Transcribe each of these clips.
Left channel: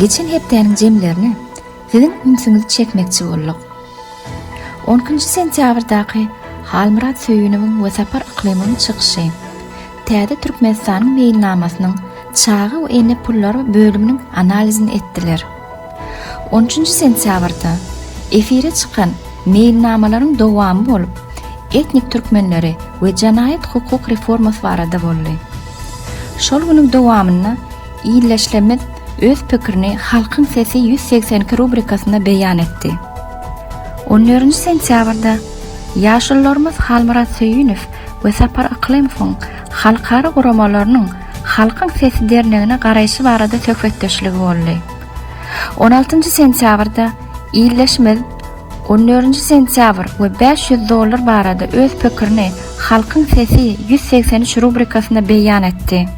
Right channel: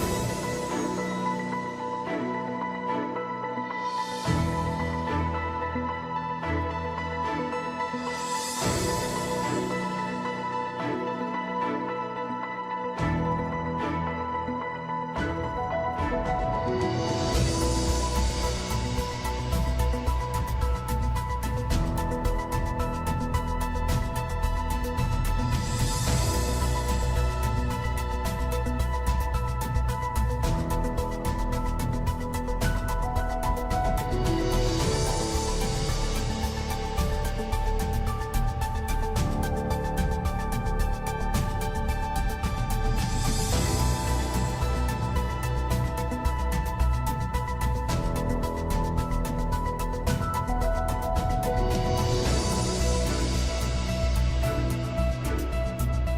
Geçen hepdäniň jemlerini sizin ünsüňizi çekmekçi bolduk. 10 sentýabrdaky Halmurat Söýünowyň we Sapar Yklimynyň çykyşy TÄZE TURKMENISTANyň beýannamasynyň çagy we ene pullary bölüminiň analizini etdiler. 13 sentýabrda efire çykan beýannamalaryň dowamy bolup, etnik türkmenleri we janaýat hukuk reformasy barada boldy. Şol günüň dowamyna ILDEŞLER öz pikirini Halkyň sesi 182 rubrikasyna beýan etdi. 14 sentýabrda ýaşullarymyz Halmurat Söýünow we Sapar Yklymowyň halkara guramalarynyň Halkyň sesi dernegine garaýşy barada söhbetdeşligi boldy. 16 sentýabrda ILDEŞLER 14 sentyabr we $500 barada öz pikirini Halkyň sesi 183 rubrikasyna beýan etdi.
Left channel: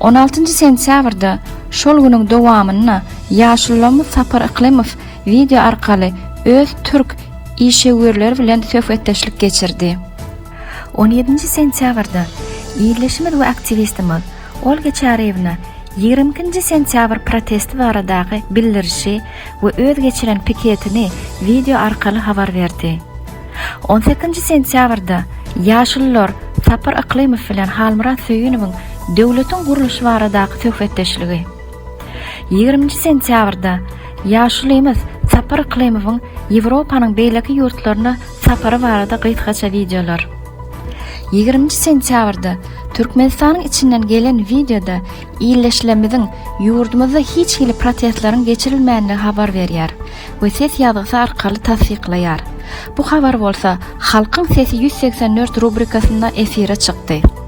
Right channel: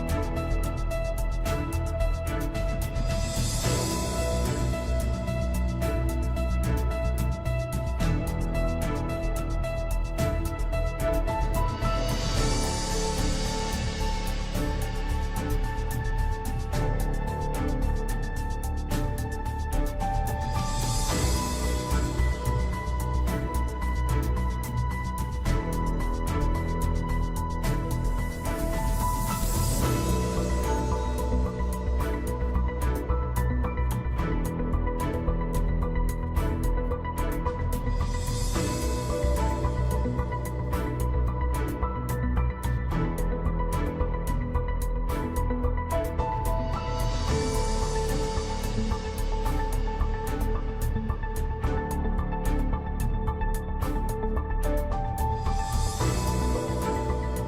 16 sentýabrda şol günüň dowamyna ýaşullarymyz Sapar Yklymow video arkaly öz türk işgörleri bilen söhbetdeşlik geçirdi. 17 sentýabrda ýerleşme we aktivistimiz Geçen 20 sentyabr protesti baradaky bildirişi we öz geçiren piketini video arkaly habar berdi. 18 sentýabrda ýaşullar Sapar Yklymow bilen Halmurat Söýünowyň döwletiň guruluşy baradaky söhbetdeşligi. 20 sentýabrda ýaşulymyz Sapar Yklymowyň Ýewropanyň beýleki ýurtlaryna sapary barada gytgaça videolar. 20 sentýabrda Türkmenistanyň içinden gelen videoda ILDEŞleriň ýurdumyzda hiç hili protestlaryň geçirilmänligi habar berýär we ses ýazgysy arkaly tasdikleýär. Bu habar bolsa Halkyň sesi 184 rubrikasynda efire çykdy.